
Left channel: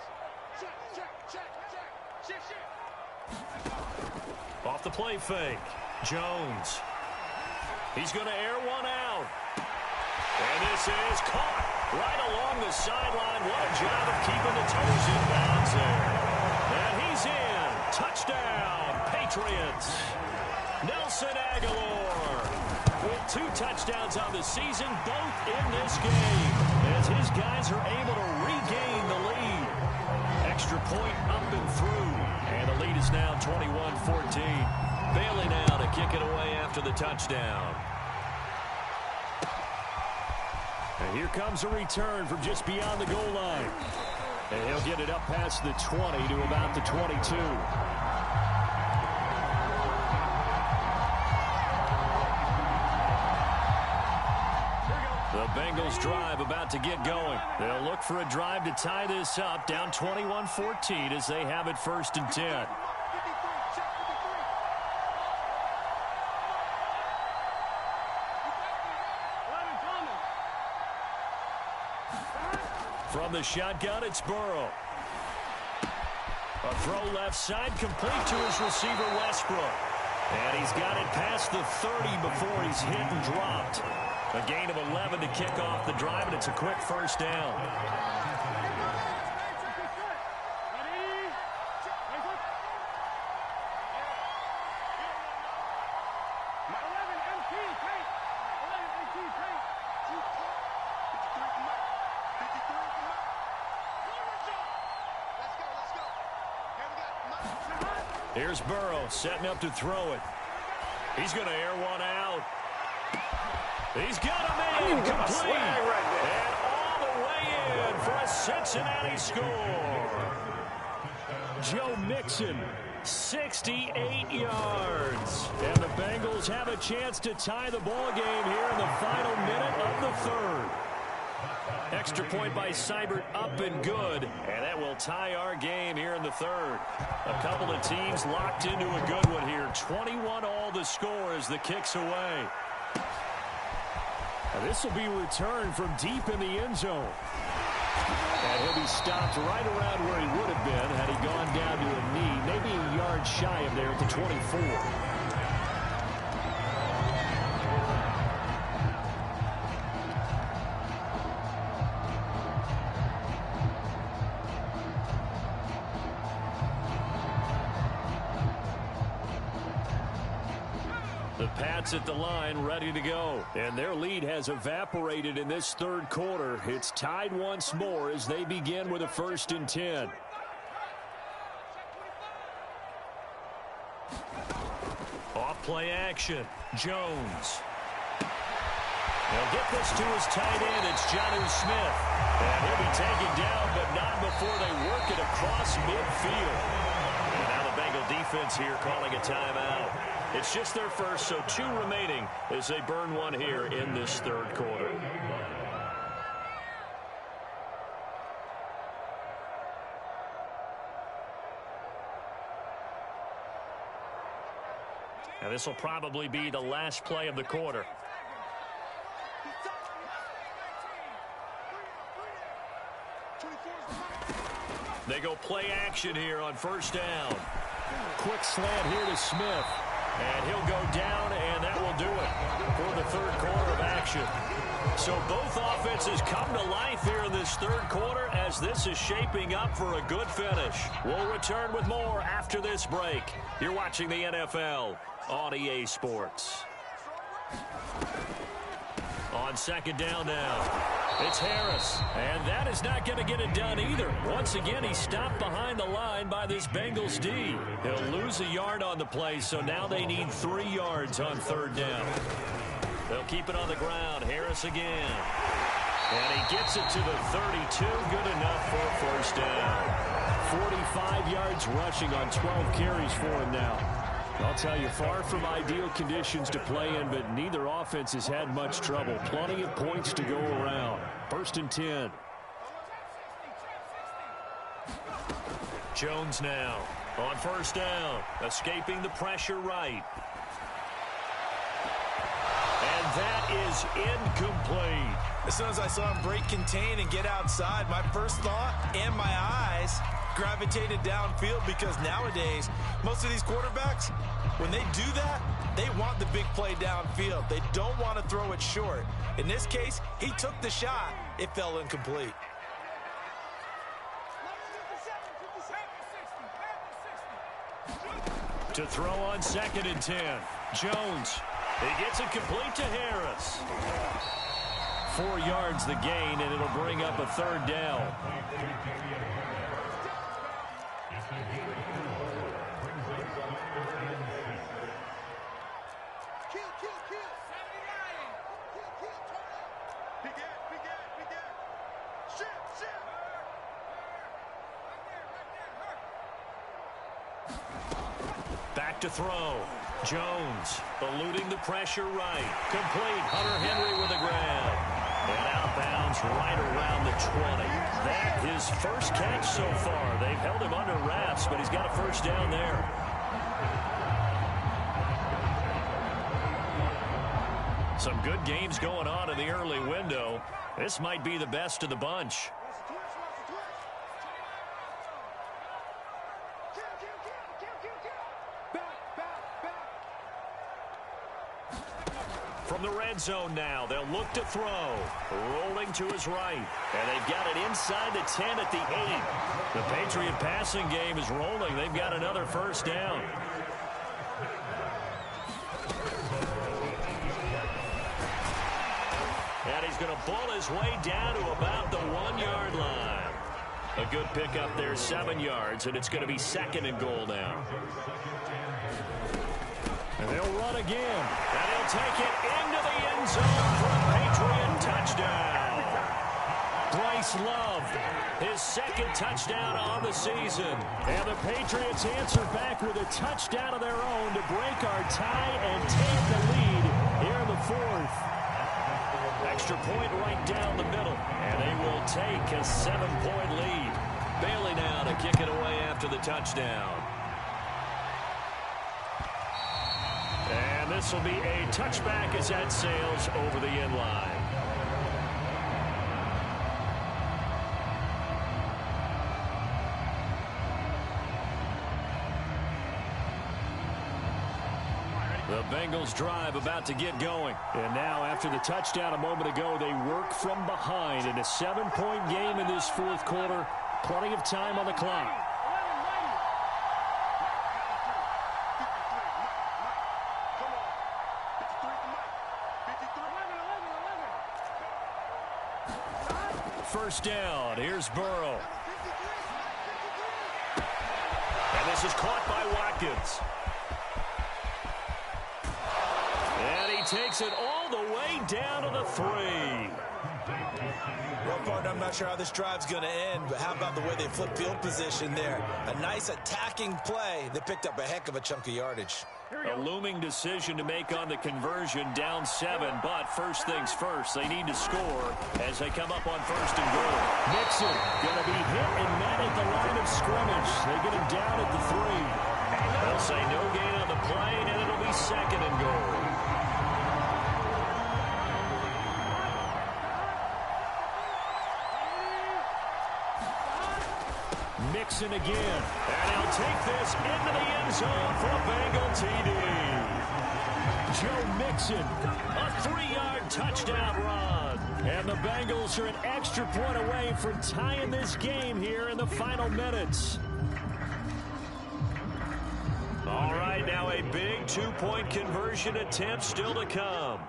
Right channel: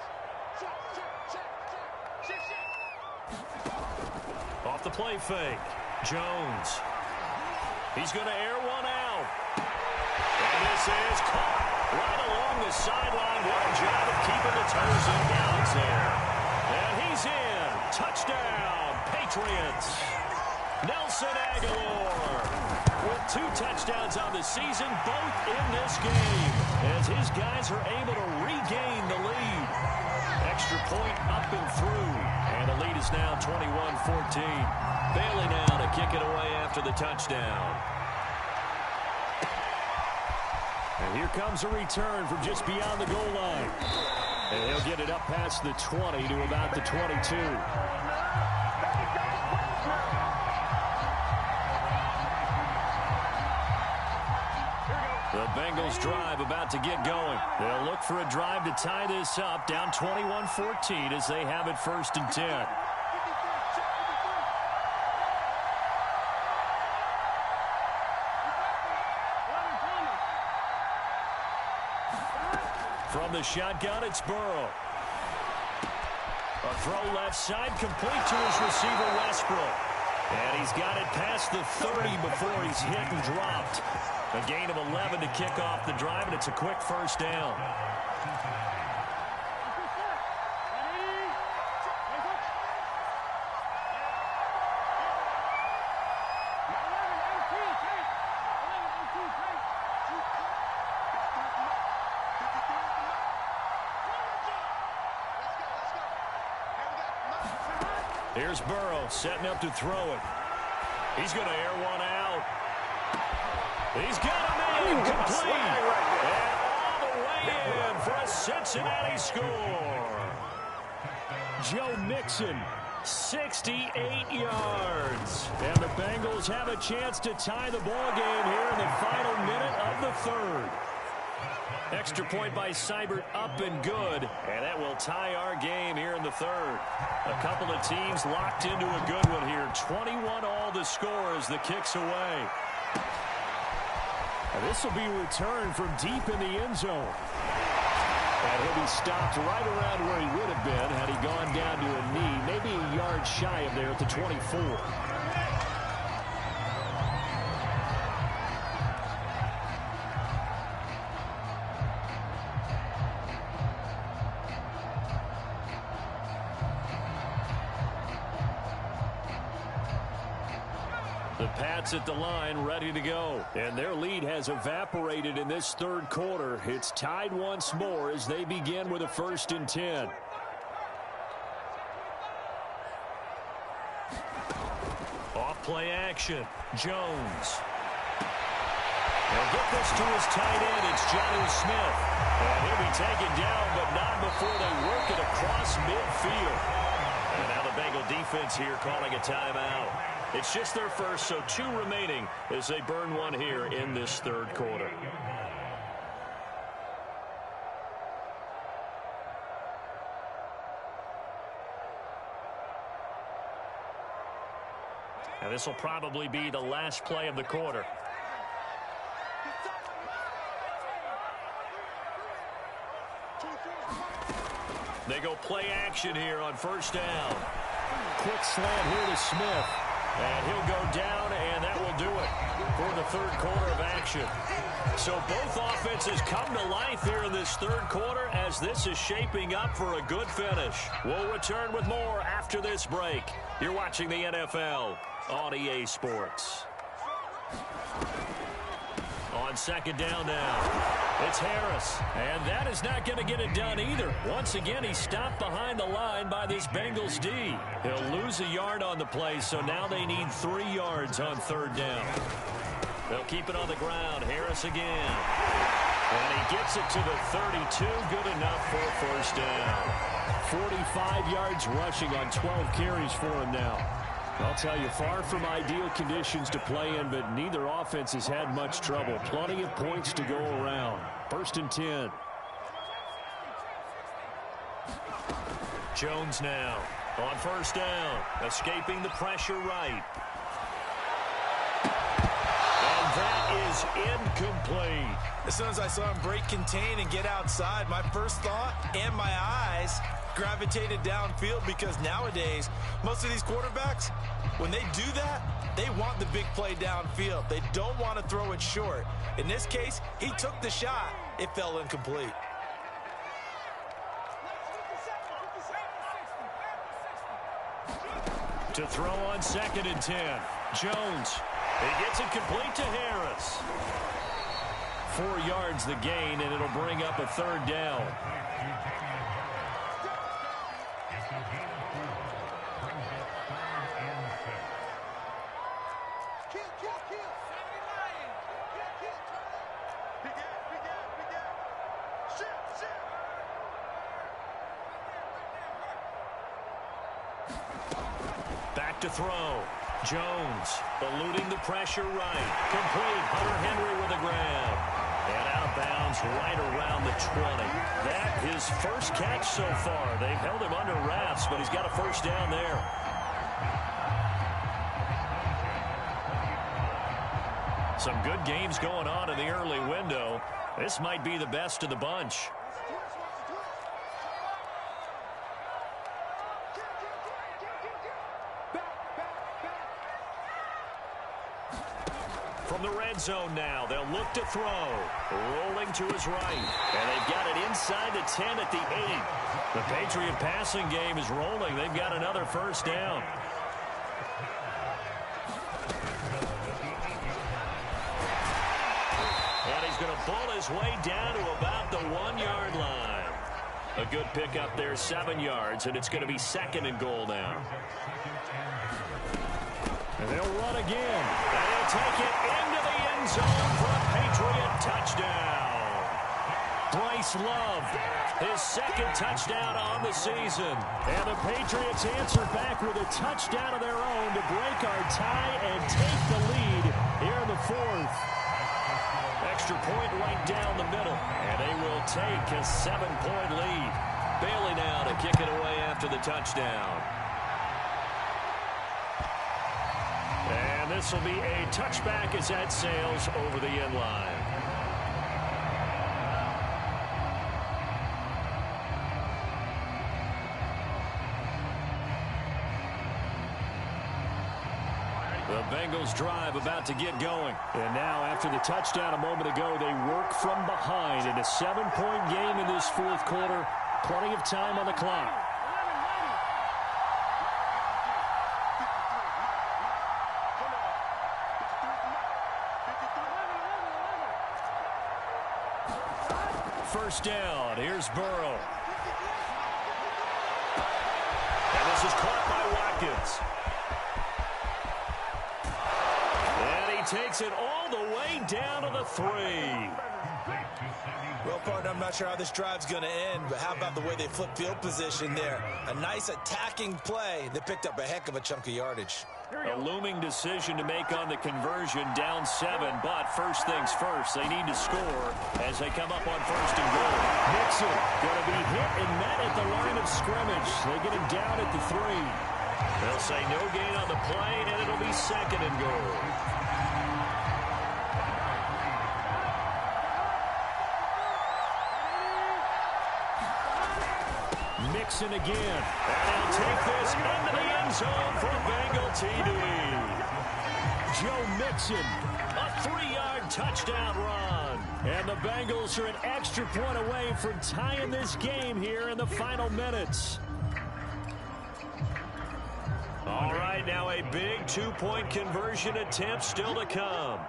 Check. Off the play fake. Jones. He's going to air one out. And this is caught right along the sideline. What a job of keeping the toes in bounds there. And he's in. Touchdown, Patriots. Nelson Aguilar with 2 touchdowns on the season, both in this game, as his guys are able to regain the lead. Extra point up and through, and the lead is now 21-14. Bailey now to kick it away after the touchdown. And here comes a return from just beyond the goal line. And he'll get it up past the 20 to about the 22. The Bengals drive about to get going. They'll look for a drive to tie this up, down 21-14 as they have it 1st and 10. From the shotgun, it's Burrow. A throw left side, complete to his receiver, Westbrook. And he's got it past the 30 before he's hit and dropped. A gain of 11 to kick off the drive, and it's a quick first down. Here's Burrow setting up to throw it. He's going to air one out. He's got him in, complete, and all the way in for a Cincinnati score. Joe Mixon, 68 yards. And the Bengals have a chance to tie the ball game here in the final minute of the third. Extra point by Seibert, up and good. And that will tie our game here in the third. A couple of teams locked into a good one here. 21 all the score as the kick's away. And this will be returned from deep in the end zone. And he'll be stopped right around where he would have been had he gone down to a knee, maybe a yard shy of there at the 24. The Pats at the line, ready to go. And their lead has evaporated in this third quarter. It's tied once more as they begin with a 1st and 10. Off play action. Jones. He'll get this to his tight end. It's Jonnu Smith. And he'll be taken down, but not before they work it across midfield. And now the Bengal defense here calling a timeout. It's just their first, so 2 remaining as they burn one here in this third quarter. And this will probably be the last play of the quarter. They go play action here on 1st down. Quick slant here to Smith. And he'll go down, and that will do it for the third quarter of action. So both offenses come to life here in this third quarter as this is shaping up for a good finish. We'll return with more after this break. You're watching the NFL on EA Sports. On 2nd down now. It's Harris, and that is not going to get it done either. Once again, he's stopped behind the line by this Bengals D. He'll lose a yard on the play, so now they need 3 yards on 3rd down. They'll keep it on the ground. Harris again. And he gets it to the 32. Good enough for a 1st down. 45 yards rushing on 12 carries for him now. I'll tell you, far from ideal conditions to play in, but neither offense has had much trouble. Plenty of points to go around. 1st and 10. Jones now on 1st down, escaping the pressure right. And that is incomplete. As soon as I saw him break contain and get outside, my first thought and my eyes gravitated downfield, because nowadays most of these quarterbacks, when they do that, they want the big play downfield. They don't want to throw it short. In this case, he took the shot. It fell incomplete. To throw on 2nd and 10. Jones. He gets it complete to Harris. 4 yards the gain, and it'll bring up a 3rd down. Back to throw. Jones eluding the pressure right. Complete. Hunter Henry with a grab. And out of bounds right around the 20. That his first catch so far. They've held him under wraps, but he's got a 1st down there. Some good games going on in the early window. This might be the best of the bunch. From the red zone now, they'll look to throw. Rolling to his right. And they've got it inside the 10 at the 8. The Patriot passing game is rolling. They've got another 1st down. And he's going to bull his way down to about the 1-yard line. A good pickup there, 7 yards, and it's going to be 2nd and goal now. And they'll run again. And he'll take it into the end zone for a Patriot touchdown. Bryce Love, his second touchdown on the season. And the Patriots answer back with a touchdown of their own to break our tie and take the lead here in the fourth. Extra point right down the middle, and they will take a 7-point lead. Bailey now to kick it away after the touchdown. And this will be a touchback as that sails over the end line. The Bengals drive about to get going. And now after the touchdown a moment ago, they work from behind in a 7-point game in this fourth quarter. Plenty of time on the clock. First down. Here's Burrow. And this is caught by Watkins. And he takes it all the way down to the 3. Well, partner, I'm not sure how this drive's going to end, but how about the way they flip field position there? A nice attacking play that picked up a heck of a chunk of yardage. A looming decision to make on the conversion, down 7, but first things first, they need to score as they come up on first and goal. Mixon going to be hit and met at the line of scrimmage. They get him down at the 3. They'll say no gain on the play, and it'll be second and goal. Mixon again, and he'll take this into the end zone for a Bengal TD. Joe Mixon, a 3-yard touchdown run. And the Bengals are an extra point away from tying this game here in the final minutes. All right, now a big 2-point conversion attempt still to come.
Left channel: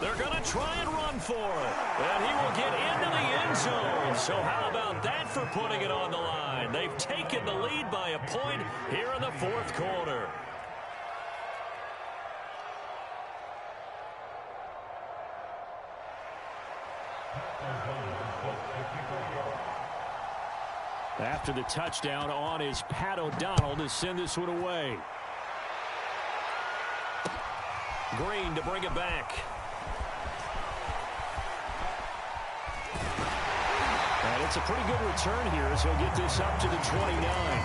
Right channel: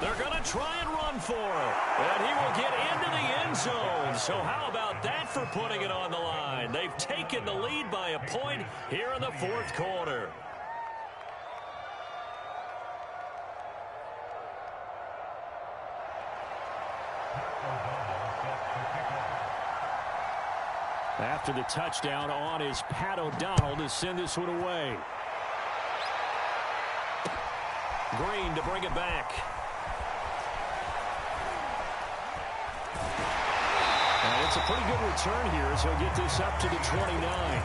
They're going to try and run for it. And he will get into the end zone. So how about that for putting it on the line? They've taken the lead by a point here in the fourth quarter. After the touchdown, on is Pat O'Donnell to send this one away. Green to bring it back. And it's a pretty good return here as he'll get this up to the 29.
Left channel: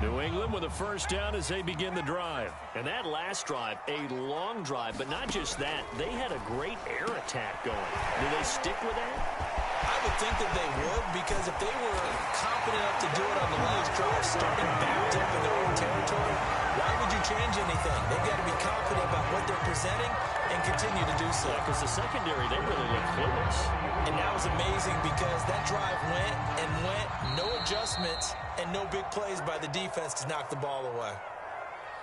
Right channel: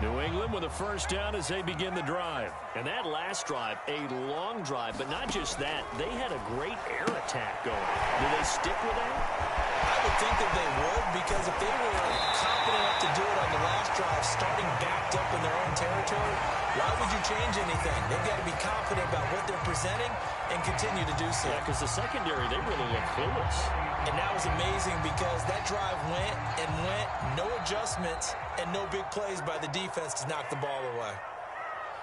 New England with a first down as they begin the drive. And that last drive, a long drive, but not just that. They had a great air attack going. Do they stick with that? I would think that they would, because if they were confident enough to do it on the last drive, starting backed up in their own territory, why would you change anything? They've got to be confident about what they're presenting and continue to do so. Yeah, because the secondary, they really look clueless. And that was amazing because that drive went and went, no adjustments, and no big plays by the defense to knock the ball away.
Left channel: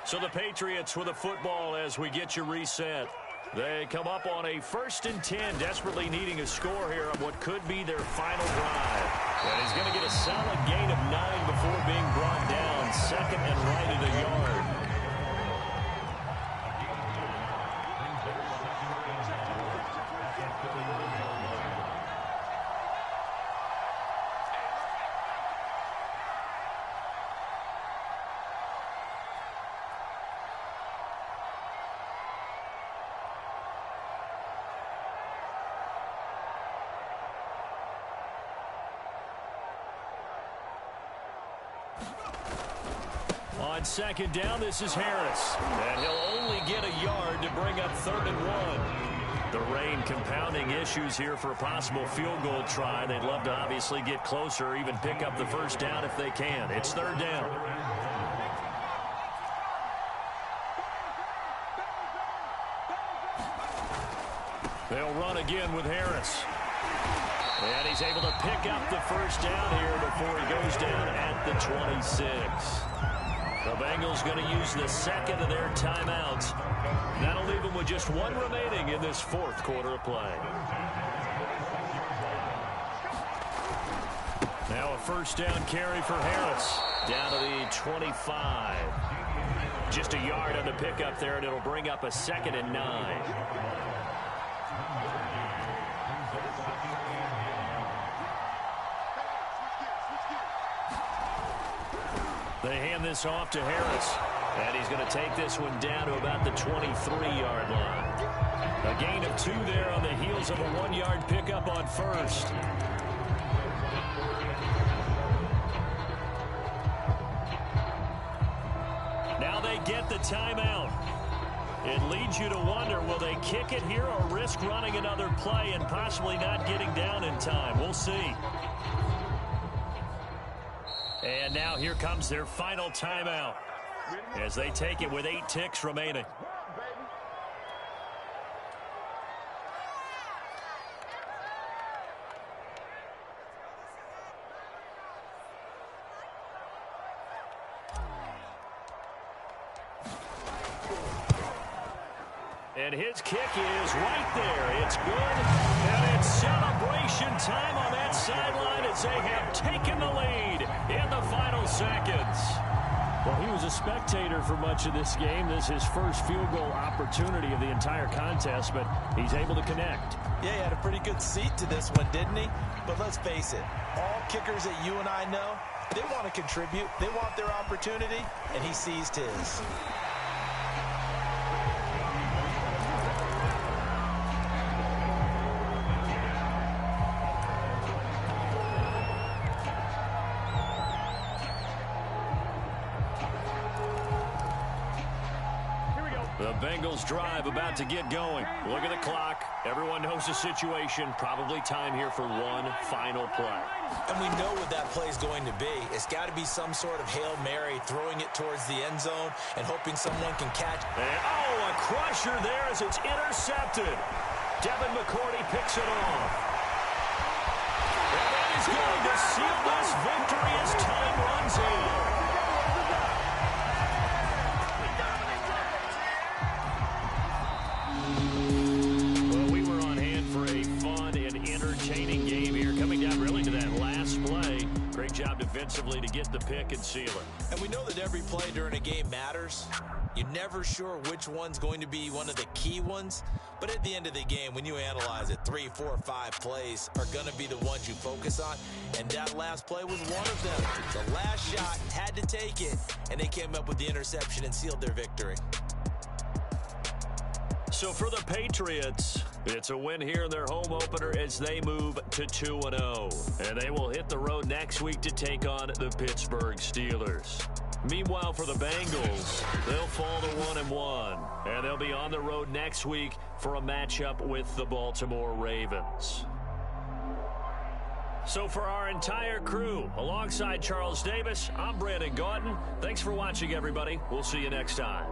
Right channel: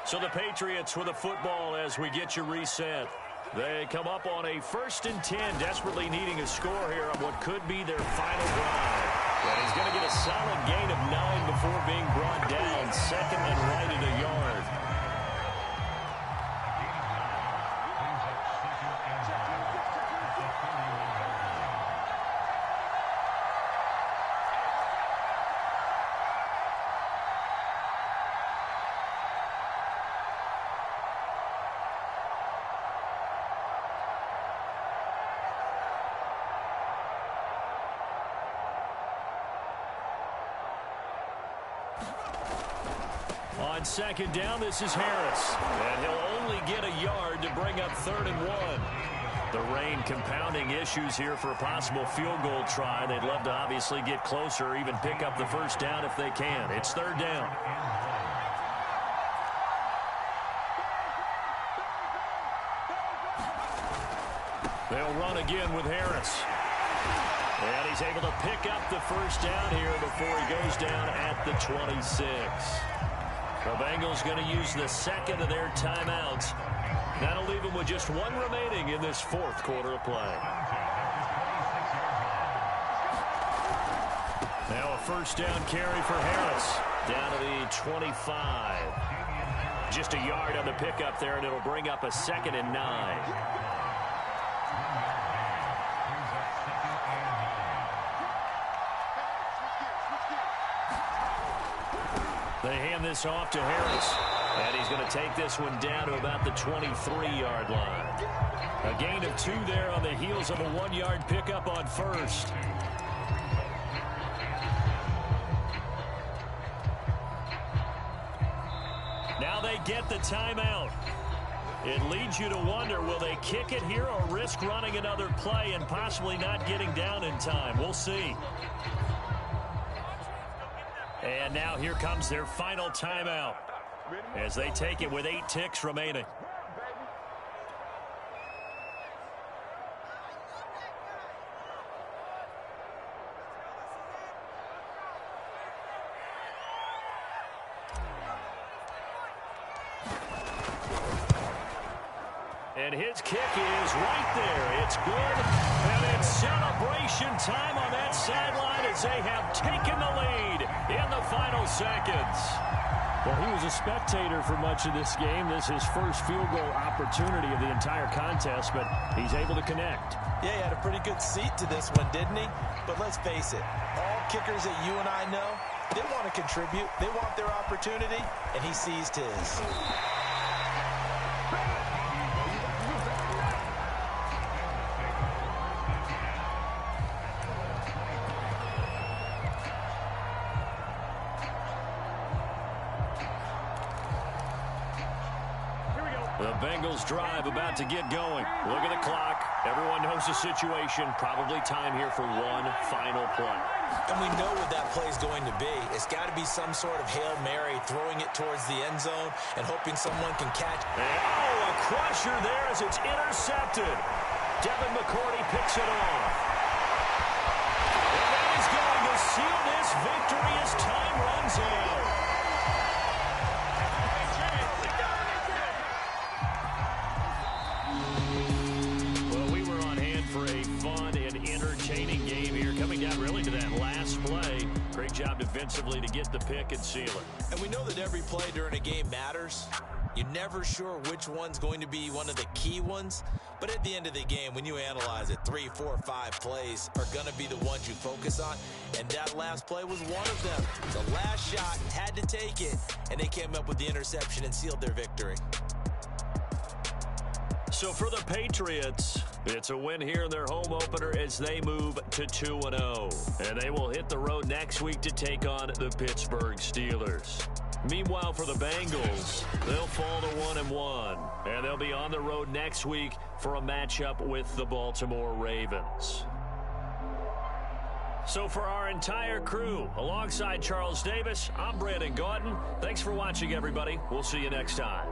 So the Patriots with a football as we get you reset. They come up on a 1st and 10, desperately needing a score here on what could be their final drive. And he's going to get a solid gain of 9 before being brought down. Second and right at a yard. On second down, this is Harris. And he'll only get a yard to bring up 3rd and 1. The rain compounding issues here for a possible field goal try. They'd love to obviously get closer or even pick up the first down if they can. It's 3rd down. They'll run again with Harris. And he's able to pick up the first down here before he goes down at the 26. The Bengals going to use the second of their timeouts. That'll leave them with just 1 remaining in this fourth quarter of play. Now a first down carry for Harris. Down to the 25. Just a yard on the pickup there, and it'll bring up a 2nd and 9. They hand this off to Harris. And he's going to take this one down to about the 23-yard line. A gain of 2 there on the heels of a 1-yard pickup on first. Now they get the timeout. It leads you to wonder, will they kick it here or risk running another play and possibly not getting down in time? We'll see. And now here comes their final timeout as they take it with 8 ticks remaining. And his kick is right there. It's good. And it's celebration time on that sideline as they have taken the lead in the final seconds. Well, he was a spectator for much of this game. This is his first field goal opportunity of the entire contest, but he's able to connect. Yeah, he had a pretty good seat to this one, didn't he? But let's face it, all kickers that you and I know, they want to contribute. They want their opportunity, and he seized his. The Bengals drive about to get going. Look at the clock. Everyone knows the situation. Probably time here for one final play. And we know what that play is going to be. It's got to be some sort of Hail Mary, throwing it towards the end zone and hoping someone can catch. And, oh, a crusher there as it's intercepted. Devin McCourty picks it off. And that is going to seal this victory as time runs out. Entertaining game here, coming down really to that last play. Great job defensively to get the pick and seal it. And we know that every play during a game matters. You're never sure which one's going to be one of the key ones. But at the end of the game, when you analyze it, 3, 4, 5 plays are going to be the ones you focus on. And that last play was one of them. The last shot, had to take it, and they came up with the interception and sealed their victory. So for the Patriots, it's a win here in their home opener as they move to 2-0. And they will hit the road next week to take on the Pittsburgh Steelers. Meanwhile, for the Bengals, they'll fall to 1-1. And they'll be on the road next week for a matchup with the Baltimore Ravens. So for our entire crew, alongside Charles Davis, I'm Brandon Gautin. Thanks for watching, everybody. We'll see you next time.